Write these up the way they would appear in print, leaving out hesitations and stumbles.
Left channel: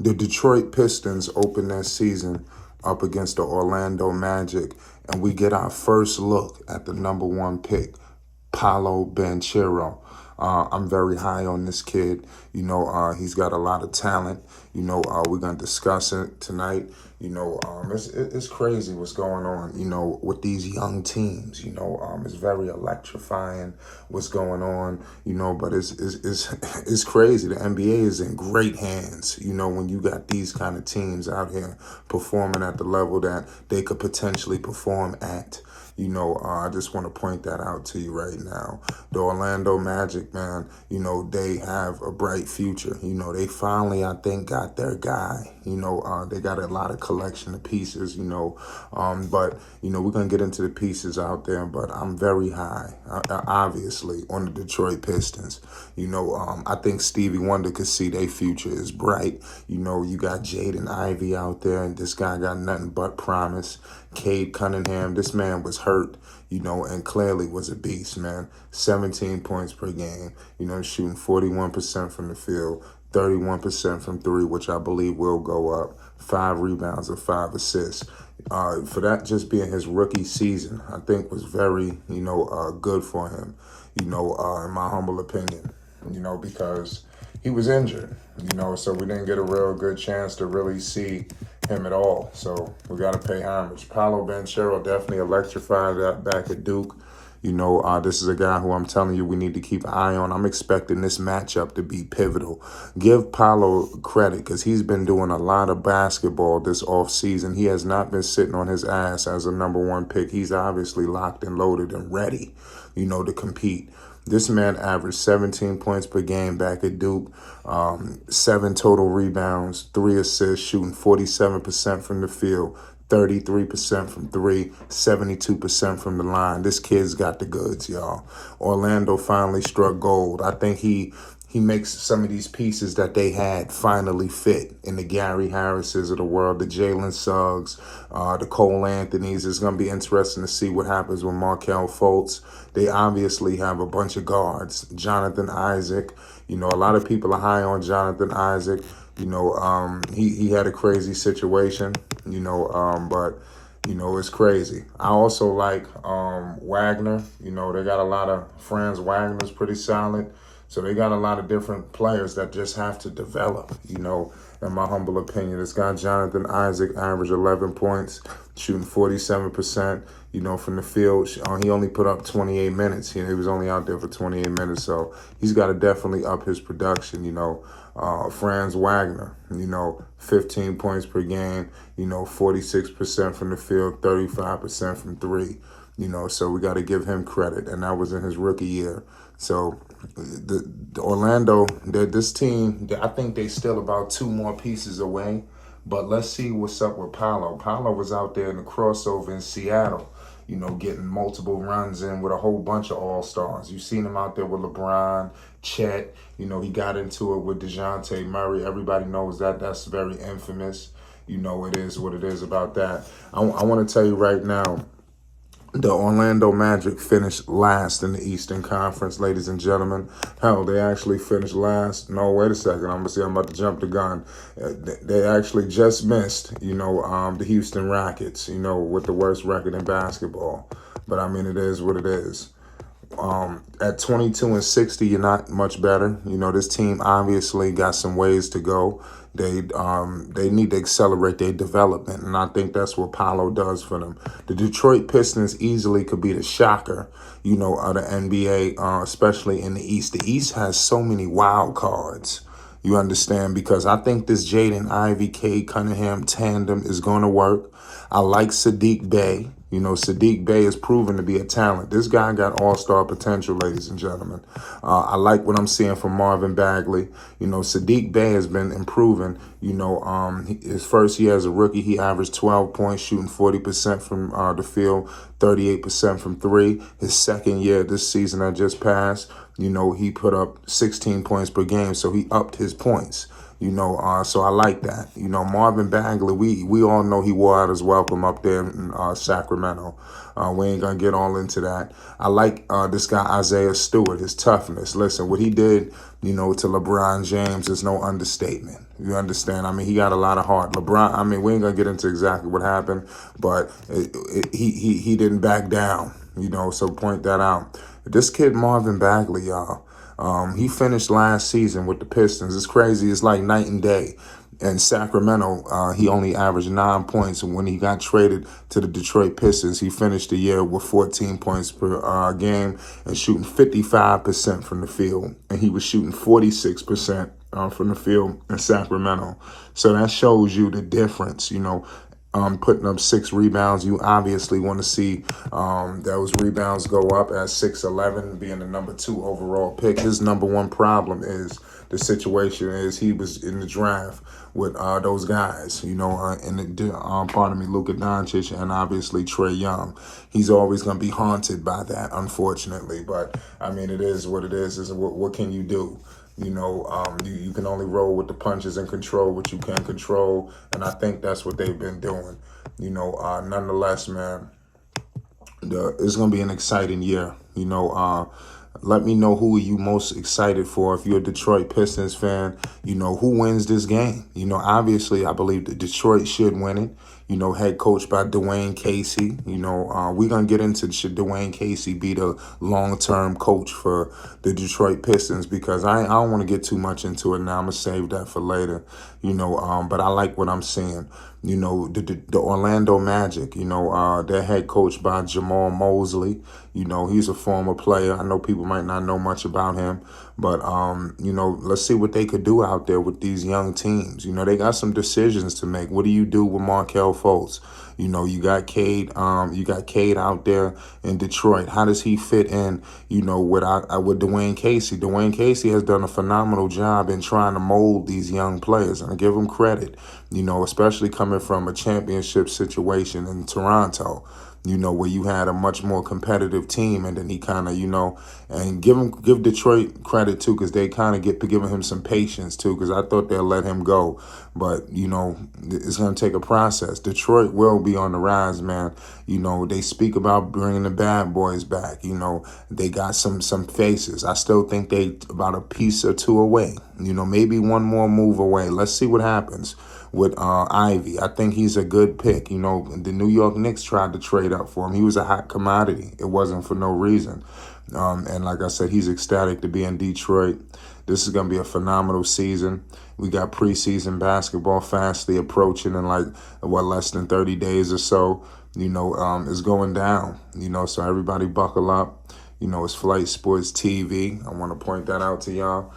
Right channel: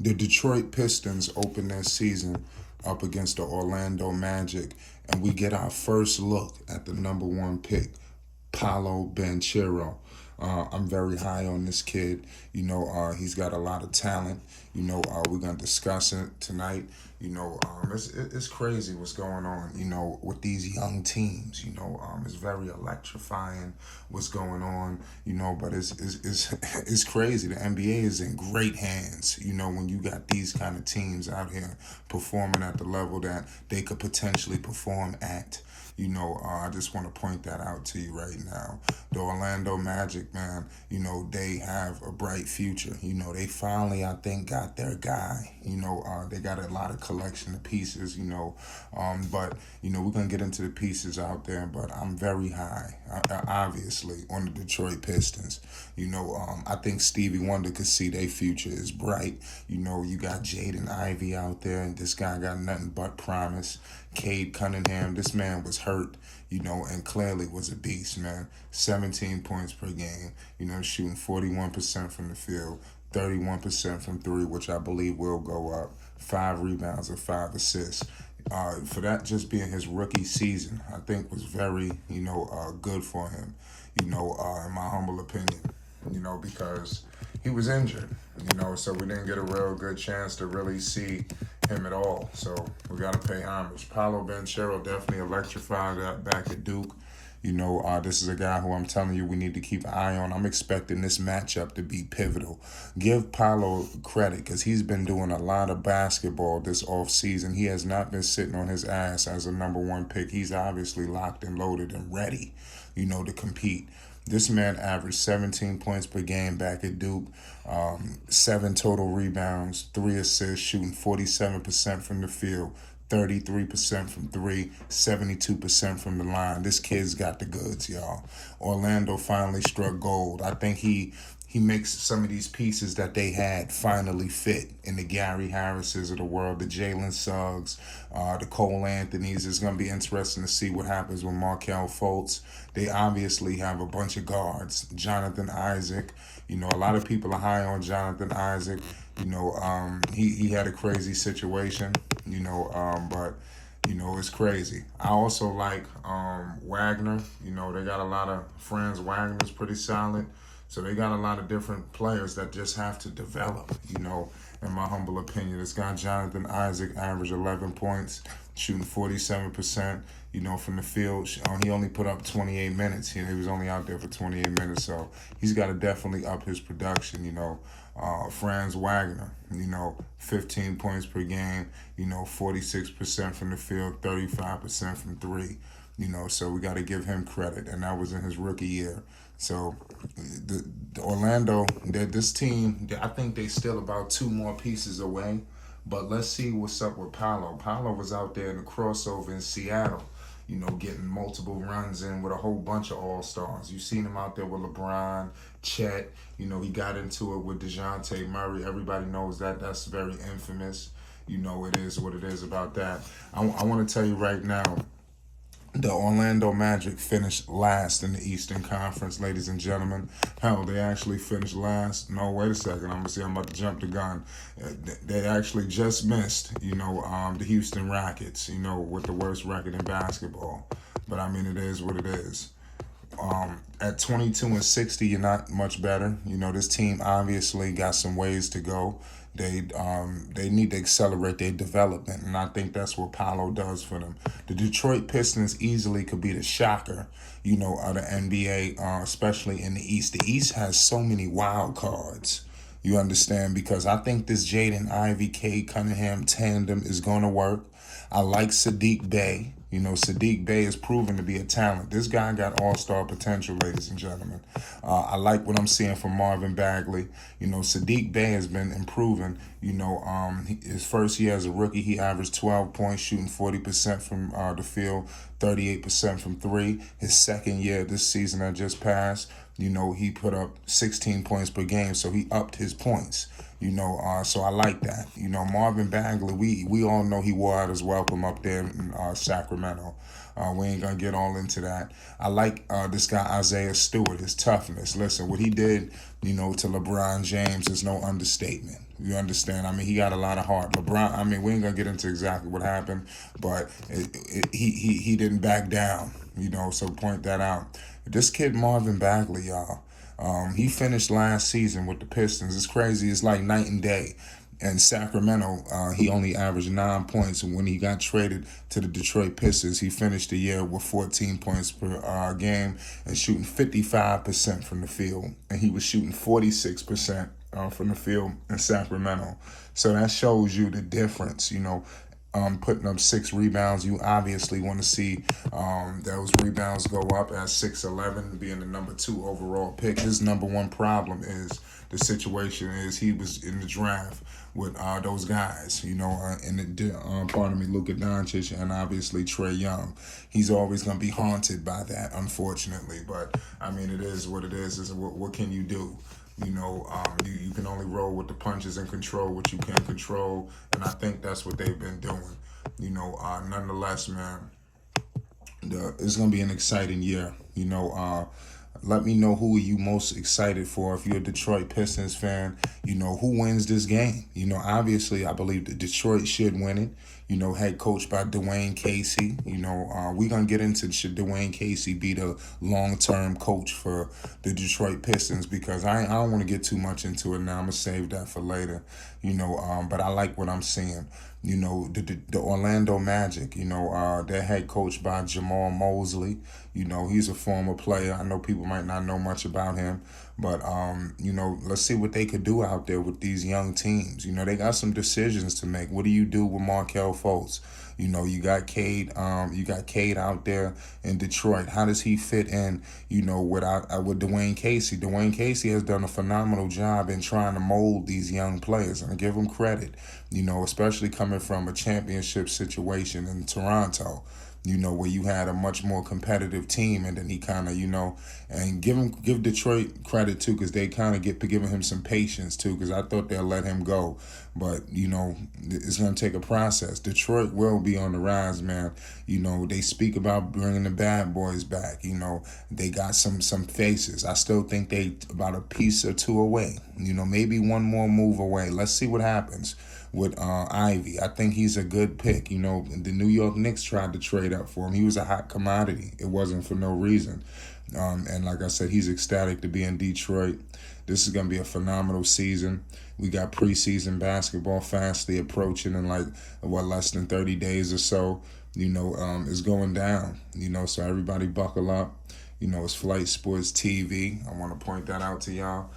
The Detroit Pistons open their season up against the Orlando Magic, and we get our first look at the number one pick, Paolo Banchero. I'm very high on this kid. He's got a lot of talent. We're going to discuss it tonight. It's crazy what's going on, with these young teams. It's very electrifying what's going on, but it's crazy. The NBA is in great hands, when you got these kind of teams out here performing at the level that they could potentially perform at. I just want to point that out to you right now. The Orlando Magic, man, they have a bright future. They finally, I think, got their guy. They got a lot of collection of pieces, but, we're going to get into the pieces out there, but I'm very high, obviously, on the Detroit Pistons. I think Stevie Wonder could see their future is bright. You got Jade and Ivy out there, and this guy got nothing but promise. Cade Cunningham, this man was hurt, and clearly was a beast, man. 17 points per game, shooting 41% from the field, 31% from three, which I believe will go up. 5 rebounds and 5 assists. For that just being his rookie season, I think was very, good for him, in my humble opinion, because he was injured, so we didn't get a real good chance to really see him at all. So we got to pay homage. Paolo Banchero definitely electrified that back at Duke. This is a guy who I'm telling you we need to keep an eye on. I'm expecting this matchup to be pivotal. Give Paolo credit because he's been doing a lot of basketball this offseason. He has not been sitting on his ass as a number one pick. He's obviously locked and loaded and ready, to compete. This man averaged 17 points per game back at Duke, 7 total rebounds, 3 assists, shooting 47% from the field, 33% from three, 72% from the line. This kid's got the goods, y'all. Orlando finally struck gold. I think he makes some of these pieces that they had finally fit in the Gary Harrises of the world, the Jalen Suggs, the Cole Anthonys. It's going to be interesting to see what happens with Markelle Fultz. They obviously have a bunch of guards. Jonathan Isaac, a lot of people are high on Jonathan Isaac. He had a crazy situation, but it's crazy. I also like Wagner. They got a lot of friends. Wagner's pretty solid. So they got a lot of different players that just have to develop, in my humble opinion. This guy, Jonathan Isaac, averaged 11 points, shooting 47%, from the field. He only put up 28 minutes. He was only out there for 28 minutes. So he's got to definitely up his production, Franz Wagner, 15 points per game, 46% from the field, 35% from three, so we got to give him credit. And that was in his rookie year. So the Orlando, this team, I think they still about 2 more pieces away. But let's see what's up with Paolo. Paolo was out there in the crossover in Seattle, getting multiple runs in with a whole bunch of all-stars. You've seen him out there with LeBron, Chet. He got into it with DeJounte Murray. Everybody knows that. That's very infamous. It is what it is about that. I want to tell you right now, the Orlando Magic finished last in the Eastern Conference, ladies and gentlemen. Hell, they actually finished last. No, wait a second. I'm about to jump the gun. They actually just missed, the Houston Rockets, with the worst record in basketball. But, it is what it is. At 22-60, you're not much better. This team obviously got some ways to go. They need to accelerate their development, and I think that's what Paolo does for them. The Detroit Pistons easily could be the shocker, of the NBA, especially in the East. The East has so many wild cards. You understand? Because I think this Jaden Ivey, Cade Cunningham tandem is going to work. I like Saddiq Bey. Saddiq Bey is proven to be a talent. This guy got all-star potential, ladies and gentlemen. I like what I'm seeing from Marvin Bagley. Saddiq Bey has been improving. His first year as a rookie, he averaged 12 points, shooting 40% from the field, 38% from three. His second year, this season that just passed, he put up 16 points per game, so he upped his points. So I like that. Marvin Bagley, we all know he wore out his welcome up there in Sacramento. We ain't gonna get all into that. I like this guy Isaiah Stewart, his toughness. Listen, what he did, to LeBron James is no understatement. You understand? I mean, he got a lot of heart. LeBron, I mean, we ain't gonna get into exactly what happened, but he didn't back down. So point that out. This kid Marvin Bagley, y'all. He finished last season with the Pistons. It's crazy. It's like night and day. In Sacramento, he only averaged 9 points. And when he got traded to the Detroit Pistons, he finished the year with 14 points per game and shooting 55% from the field. And he was shooting 46% from the field in Sacramento. So that shows you the difference, putting up 6 rebounds. You obviously want to see those rebounds go up at 6'11", being the number 2 overall pick. His number one problem is the situation is he was in the draft with those guys, Luka Doncic and obviously Trae Young. He's always going to be haunted by that, unfortunately. But, I mean, it is what it is. What can you do? You can only roll with the punches and control what you can control. And I think that's what they've been doing. Nonetheless, man, it's going to be an exciting year. Let me know who are you most excited for. If you're a Detroit Pistons fan, who wins this game? Obviously, I believe that Detroit should win it. Head coach by Dwayne Casey. We're going to get into should Dwayne Casey be the long-term coach for the Detroit Pistons, because I don't want to get too much into it now. I'm going to save that for later, but I like what I'm seeing. The Orlando Magic, their head coach by Jamal Mosley. He's a former player. I know people might not know much about him, but, let's see what they could do out there with these young teams. They got some decisions to make. What do you do with Markelle Fultz? You got Cade. You got Cade out there in Detroit. How does he fit in? With Dwayne Casey. Dwayne Casey has done a phenomenal job in trying to mold these young players, and I give him credit. Especially coming from a championship situation in Toronto. Where you had a much more competitive team, and then he kind of, and give Detroit credit too, because they kind of giving him some patience too, because I thought they'll let him go, but it's going to take a process. Detroit will be on the rise, man. They speak about bringing the bad boys back. They got some faces. I still think they about a piece or two away. Maybe one more move away. Let's see what happens with Ivy. I think he's a good pick. The New York Knicks tried to trade up for him. He was a hot commodity. It wasn't for no reason. And like I said, he's ecstatic to be in Detroit. This is going to be a phenomenal season. We got preseason basketball fastly approaching in less than 30 days or so. It's going down. So everybody buckle up. It's Flight Sports TV. I want to point that out to y'all.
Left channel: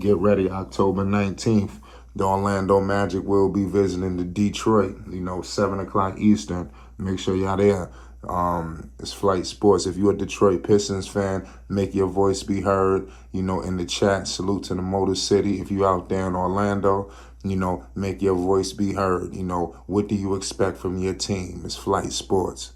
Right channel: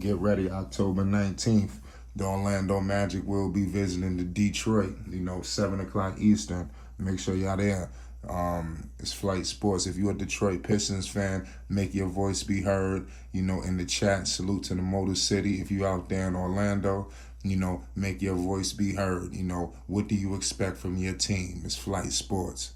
Get ready, October 19th. The Orlando Magic will be visiting the Detroit, 7 o'clock Eastern. Make sure y'all there. It's Flight Sports. If you're a Detroit Pistons fan, make your voice be heard, in the chat. Salute to the Motor City. If you're out there in Orlando, make your voice be heard. What do you expect from your team? It's Flight Sports.